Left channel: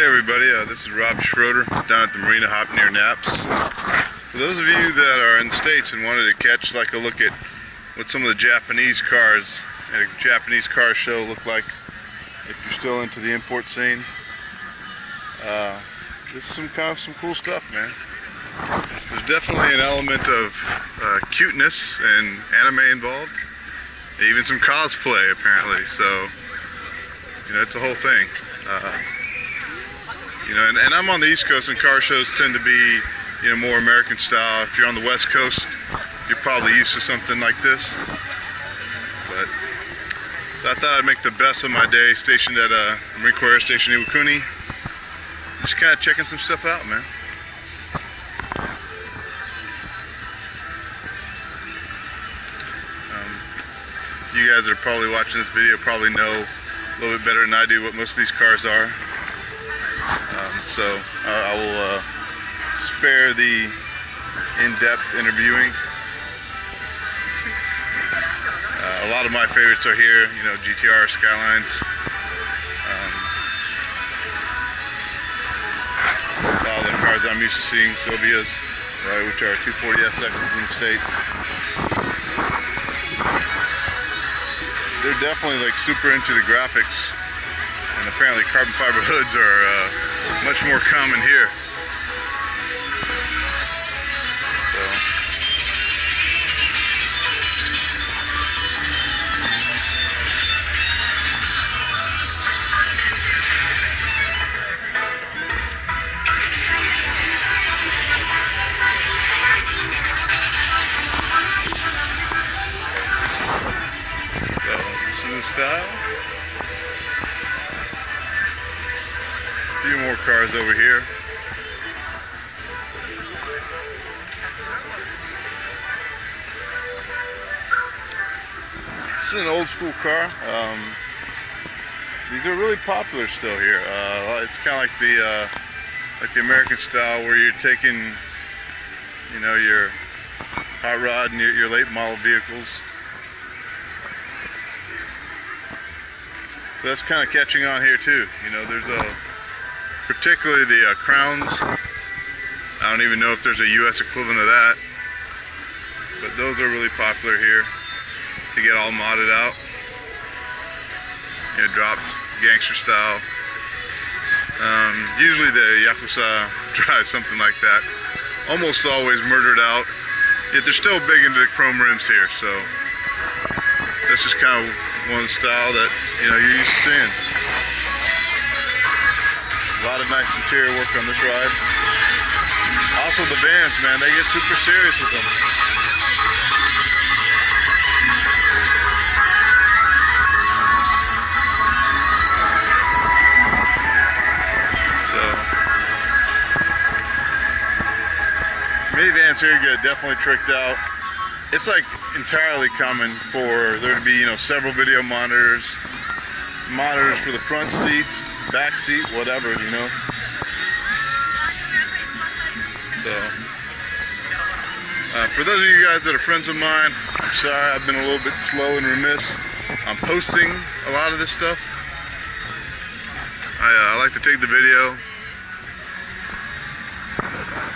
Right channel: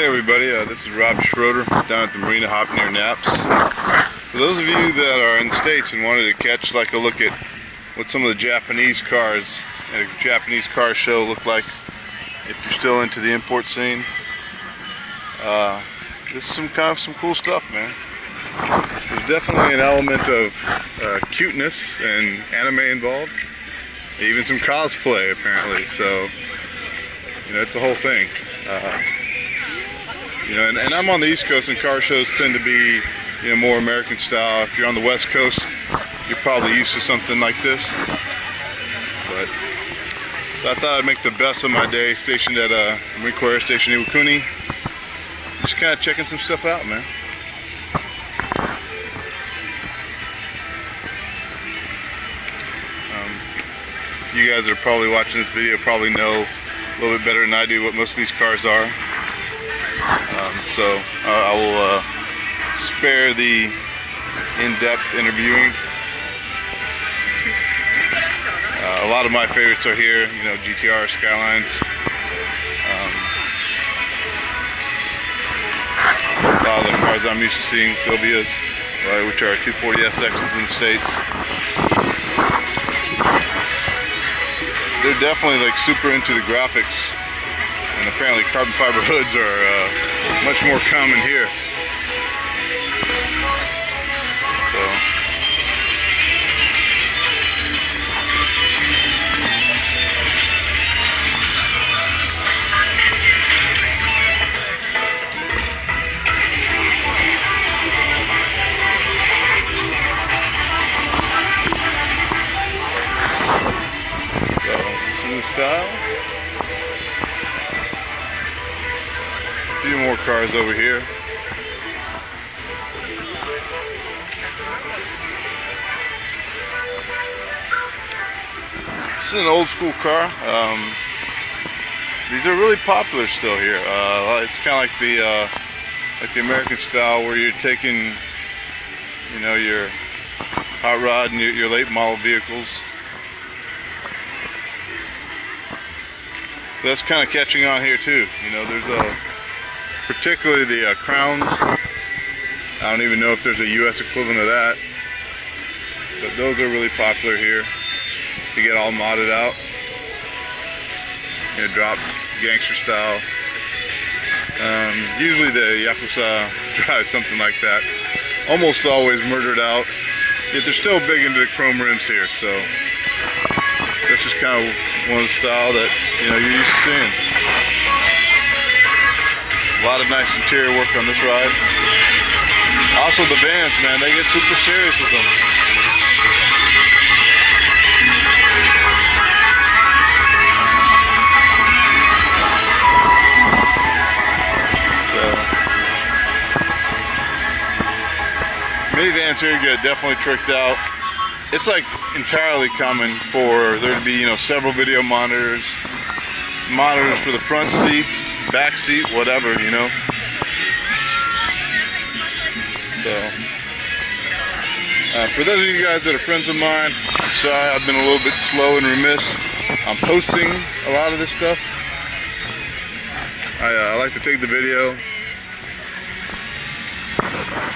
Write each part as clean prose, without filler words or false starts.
Hey everybody, this is Schroeder down at the Marina hop near Naps. For those of you that are in the States and wanted to catch like a look at what some of the Japanese cars at a Japanese car show look like, if you're still into the import scene, this is some cool stuff, man. There's definitely an element of cuteness and anime involved, even some cosplay apparently. So you know, it's a whole thing. You know, and I'm on the East Coast, and car shows tend to be, you know, more American style. If you're on the West Coast, you're probably used to something like this. But so I thought I'd make the best of my day stationed at Marine Corps Air Station Iwakuni. Just kind of checking some stuff out, man. You guys that are probably watching this video probably know a little bit better than I do what most of these cars are. So I will spare the in-depth interviewing. A lot of my favorites are here, you know, GTR, Skylines. A lot of the cars I'm used to seeing, Sylvias, which are 240SXs in the States. They're definitely like super into the graphics. And apparently carbon fiber hoods are much more common here. So this is the style. A few more cars over here. This is an old school car. These are really popular still here. It's kind of like the American style, where you're taking, you know, your hot rod and your late model vehicles. So that's kind of catching on here too. You know, there's particularly the crowns. I don't even know if there's a US equivalent of that, but those are really popular here to get all modded out. You know, dropped gangster style. Usually the Yakuza drive something like that. Almost always murdered out. Yet they're still big into the chrome rims here, so that's just kind of one of the style that, you know, you're used to seeing. A lot of nice interior work on this ride. Also the vans, man, they get super serious with them. So minivans here get definitely tricked out. It's like entirely common for there to be, you know, several video monitors for the front seat, back seat, whatever, you know. So for those of you guys that are friends of mine, I'm sorry I've been a little bit slow and remiss on posting a lot of this stuff. I like to take the video,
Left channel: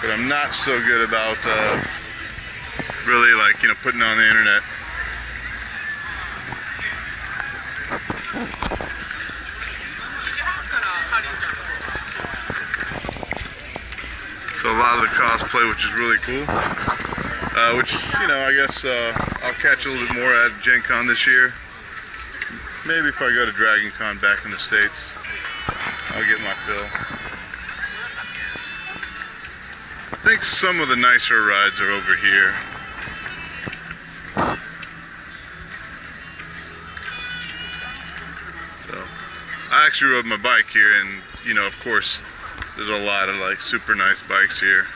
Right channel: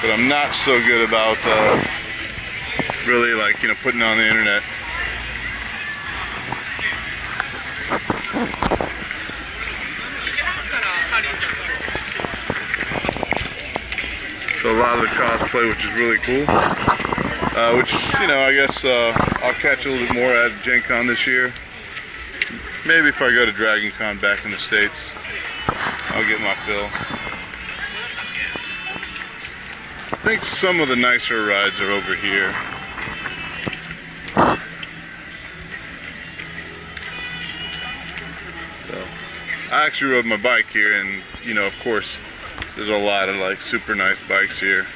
but I'm not so good about really, like, you know, putting it on the internet. So a lot of the cosplay, which is really cool, which, you know, I guess I'll catch a little bit more at Gen Con this year. Maybe if I go to Dragon Con back in the States, I'll get my fill. I think some of the nicer rides are over here. So I actually rode my bike here, and, you know, of course, there's a lot of like super nice bikes here.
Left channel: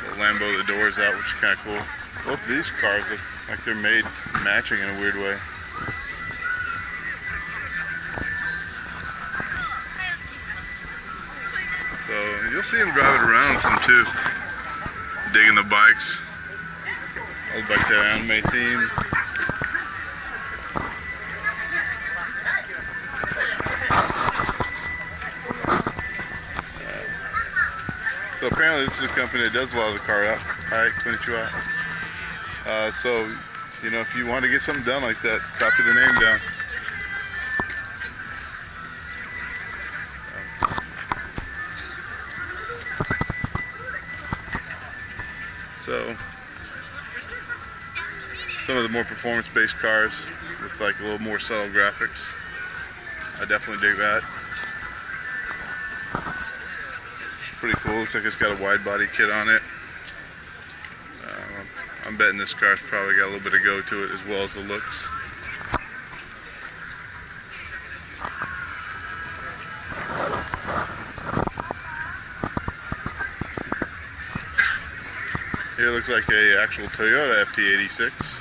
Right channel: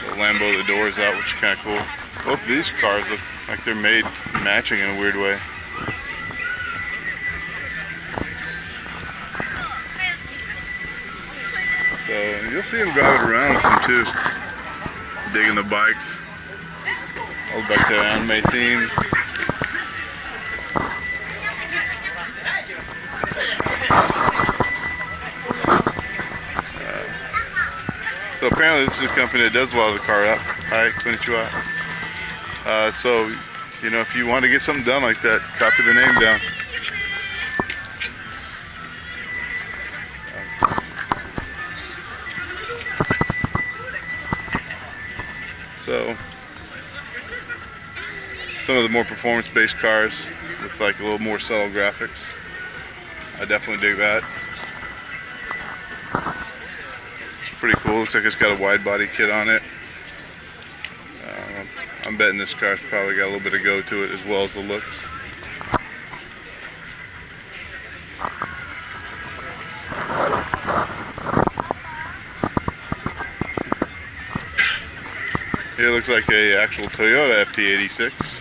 The Lambo, the doors out, which is kind of cool. Both of these cars look like they're made matching in a weird way. So you'll see them drive it around some too, digging the bikes. All back to anime theme. apparently this is a company that does a lot of the car up. Hi, konnichiwa. So, you know, if you want to get something done like that, copy the name down. So, some of the more performance-based cars with like a little more subtle graphics, I definitely dig that. It's pretty cool. Looks like it's got a wide body kit on it. I'm betting this car's probably got a little bit of go to it as well as the looks. Here looks like a actual Toyota FT86.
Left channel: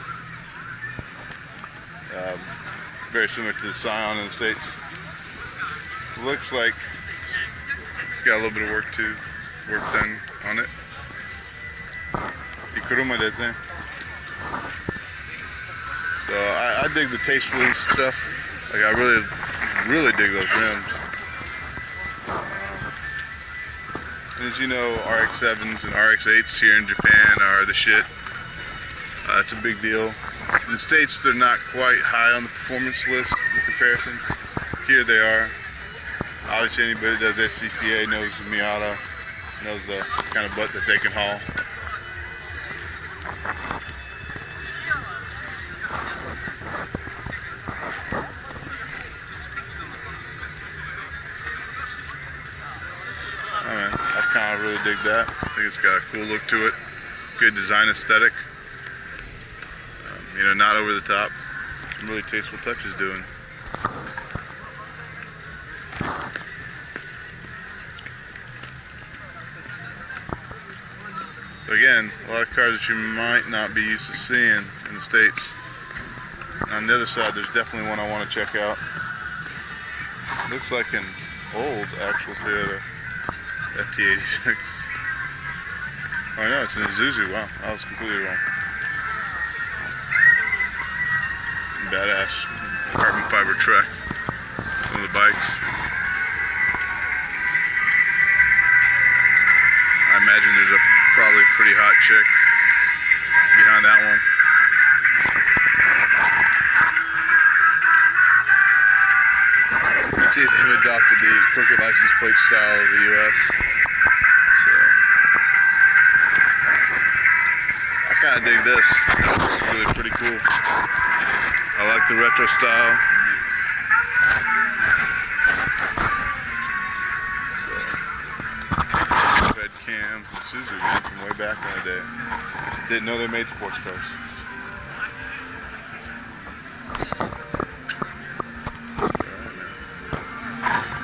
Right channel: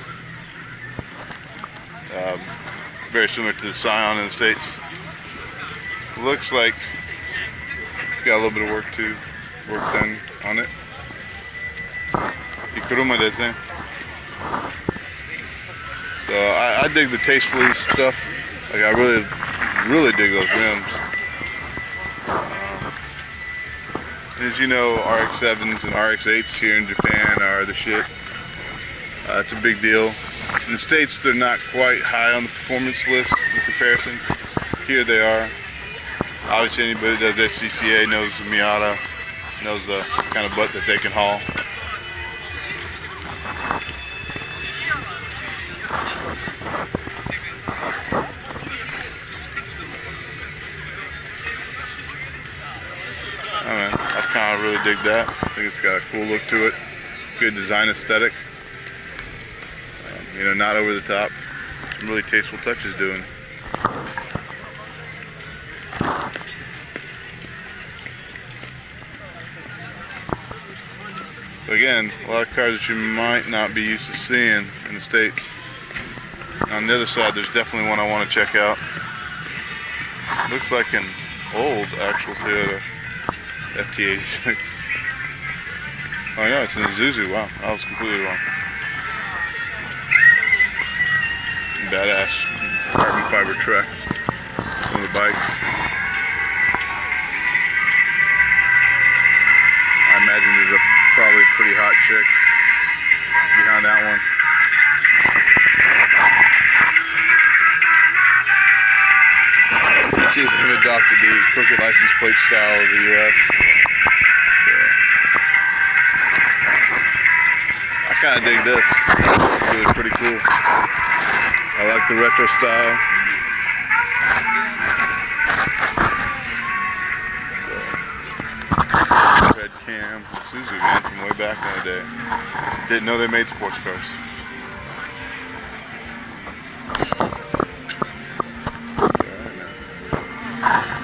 Very similar to the Scion in the States. Looks like it's got a little bit of work done on it. Ikuruma desu. So I dig the tastefully stuff. Like I really dig those rims. And as you know, RX-7s and RX-8s here in Japan are the shit. It's a big deal. In the States, they're not quite high on the performance list in comparison. Here they are. Obviously, anybody that does SCCA knows the Miata, knows the kind of butt that they can haul. Oh man, I kind of really dig that. I think it's got a cool look to it. Good design aesthetic. You know, not over the top. Some really tasteful touches doing. So again, a lot of cars that you might not be used to seeing in the States. On the other side, there's definitely one I want to check out. Looks like an old actual Toyota FT86. Oh no, it's an Isuzu. Wow, I was completely wrong. Badass carbon fiber truck. Some of the bikes. I imagine there's probably a pretty hot chick behind that one. Let's see if they've adopted the crooked license plate style of the US. So I kind of dig this. This is really pretty cool. I like the retro style. So, red cam, Suzuki man from way back in the day. Didn't know they made sports cars.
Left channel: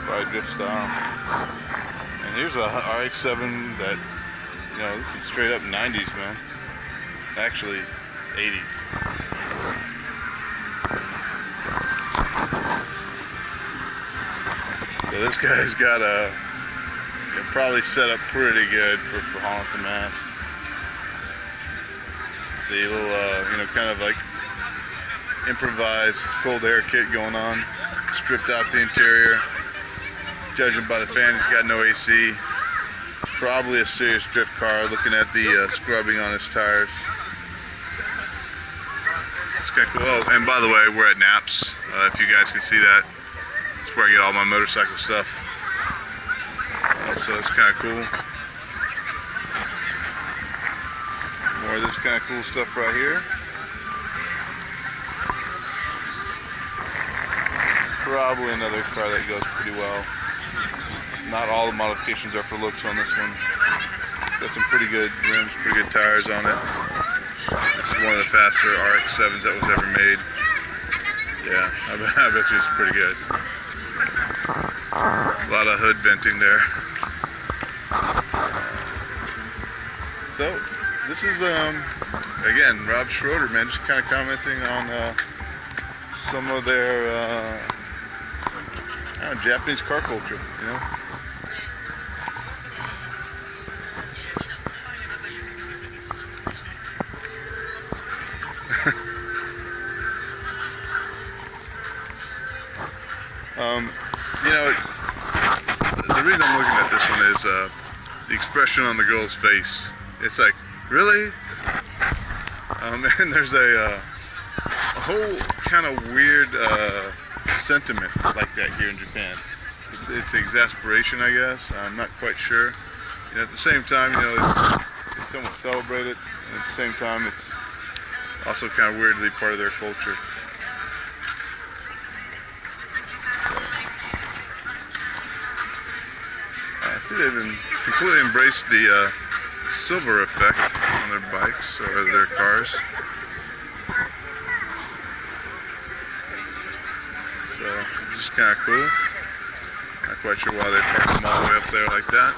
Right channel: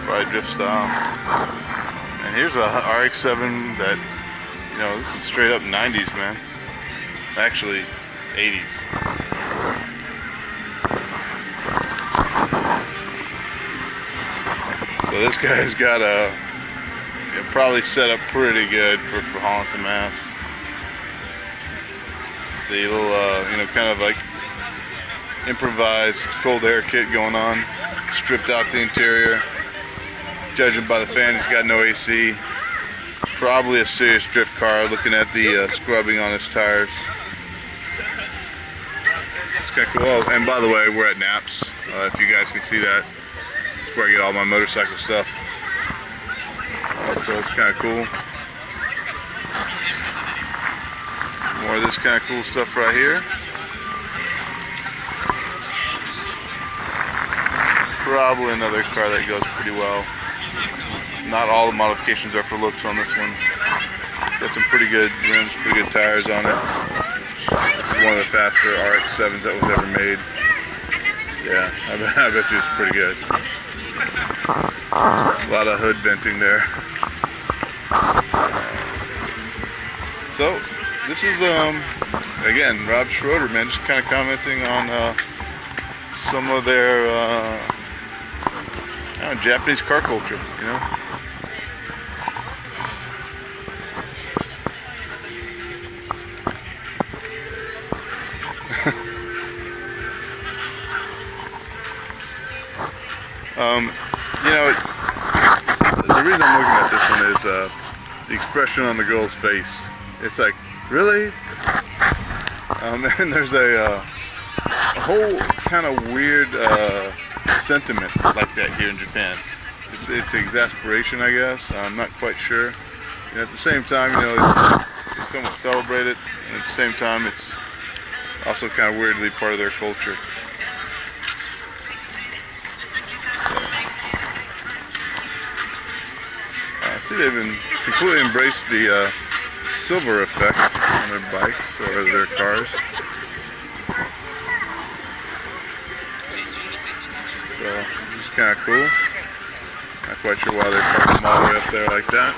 Probably drift style. And here's a RX-7 that, you know, this is straight up 90s, man. Actually, 80s. So this guy's got a, probably set up pretty good for hauling some ass. The little, you know, kind of like improvised cold air kit going on. Stripped out the interior. Judging by the fan, he's got no AC. Probably a serious drift car, looking at the scrubbing on his tires. It's kind of cool. Oh, and by the way, we're at Naps, if you guys can see that. That's where I get all my motorcycle stuff. So it's kind of cool. More of this kind of cool stuff right here. Probably another car that goes pretty well. Not all the modifications are for looks on this one. Got some pretty good rims, pretty good tires on it. This is one of the faster RX-7s that was ever made. Yeah, I bet you it's pretty good. A lot of hood venting there. So, this is, again, Rob Schroeder, man, just kind of commenting on some of their I don't know, Japanese car culture, you know? You know, the reason I'm looking at this one is the expression on the girl's face. It's like, really? And there's a whole kind of weird sentiment like that here in Japan. It's exasperation, I guess. I'm not quite sure. You know, at the same time, you know, it's somewhat celebrated, and at the same time, it's also kind of weirdly part of their culture. See, they've completely embraced the silver effect on their bikes or their cars. So, this is kind of cool. Not quite sure why they parked them all the way up there like that.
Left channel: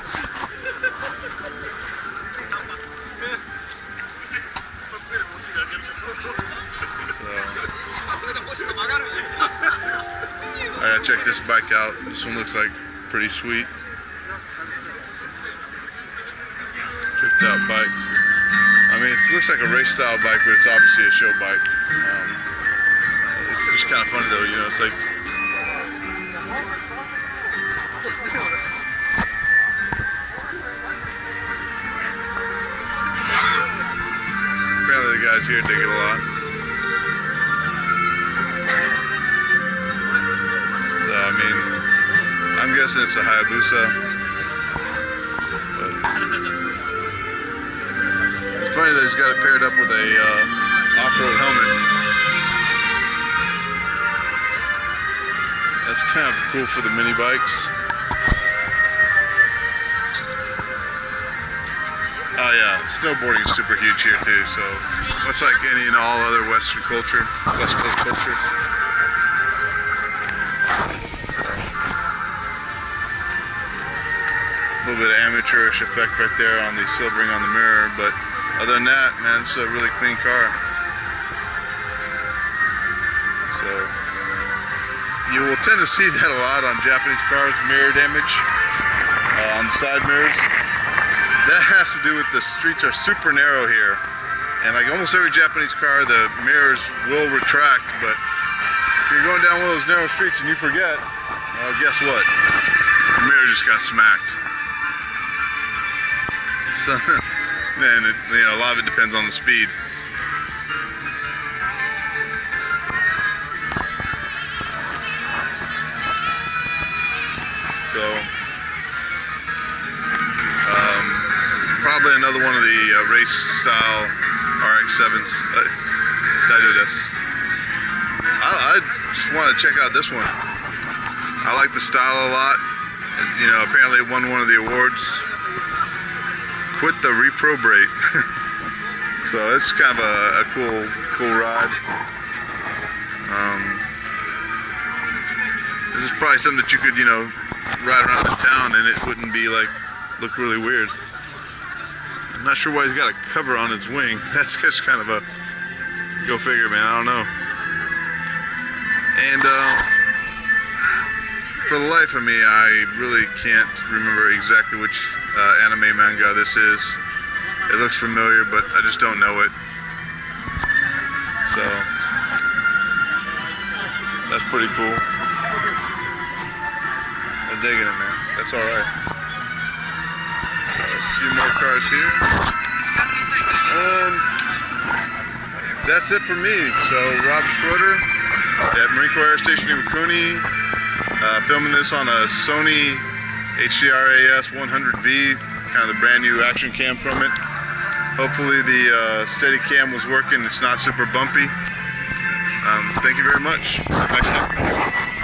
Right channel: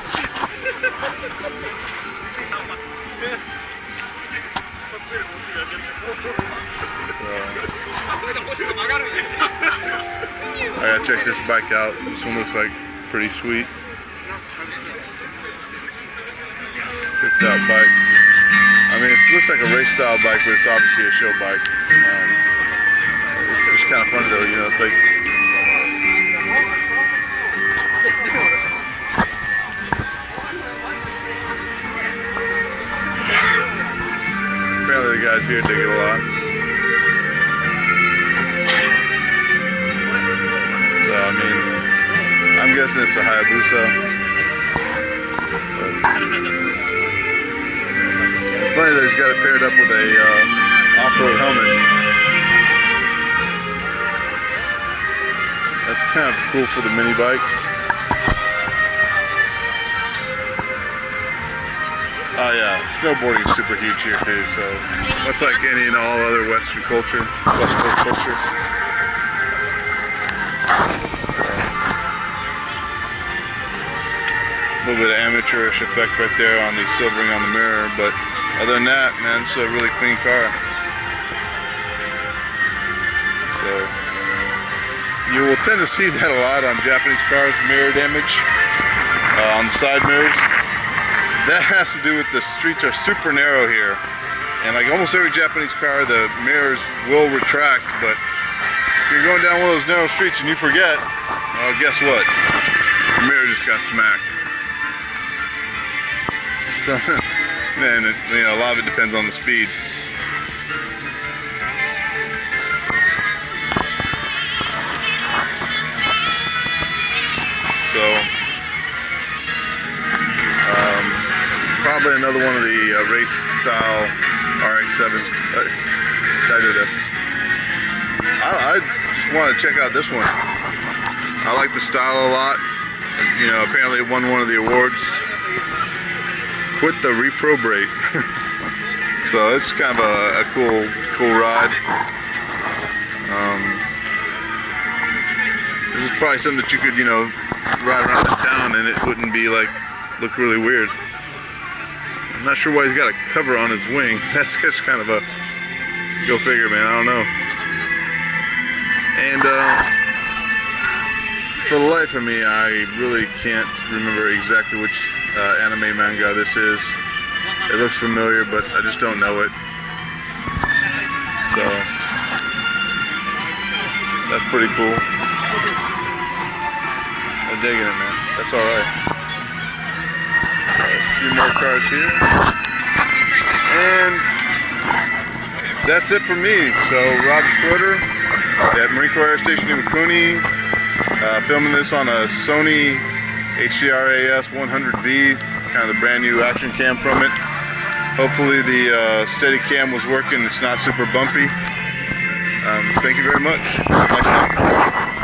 I gotta check this bike out. This one looks like pretty sweet. Tricked out bike. I mean, it looks like a race style bike, but it's obviously a show bike. It's just kind of funny though, you know, it's like apparently the guys here dig it a lot. So, I mean, I'm guessing it's a Hayabusa. It's funny that he's got it paired up with a off-road helmet. That's kind of cool for the mini bikes. Oh yeah, snowboarding is super huge here too, so much like any and all other Western culture, West Coast culture. A little bit of amateurish effect right there on the silvering on the mirror, but other than that, man, it's a really clean car. So you will tend to see that a lot on Japanese cars, mirror damage on the side mirrors. That has to do with the streets are super narrow here, and like almost every Japanese car, the mirrors will retract. But if you're going down one of those narrow streets and you forget, well, guess what? The mirror just got smacked. So, man, you know, a lot of it depends on the speed. So, probably another one of the race style RX-7s. I just want to check out this one. I like the style a lot. You know, apparently it won one of the awards. Quit the reprobate. So it's kind of a cool ride. This is probably something that you could, you know, ride around the town and it wouldn't be like look really weird. I'm not sure why he's got a cover on his wing. That's just kind of a go figure, man. I don't know. And for the life of me, I really can't remember exactly which anime manga this is. It looks familiar, but I just don't know it. So that's pretty cool. I'm digging it, man. That's all right. So, a few more cars here, and that's it for me. So Rob Schroeder at Marine Corps Air Station Iwakuni, filming this on a Sony HDR-AS 100V, kind of the brand new action cam from it. Hopefully the Steadicam was working. It's not super bumpy. Thank you very much. Next time.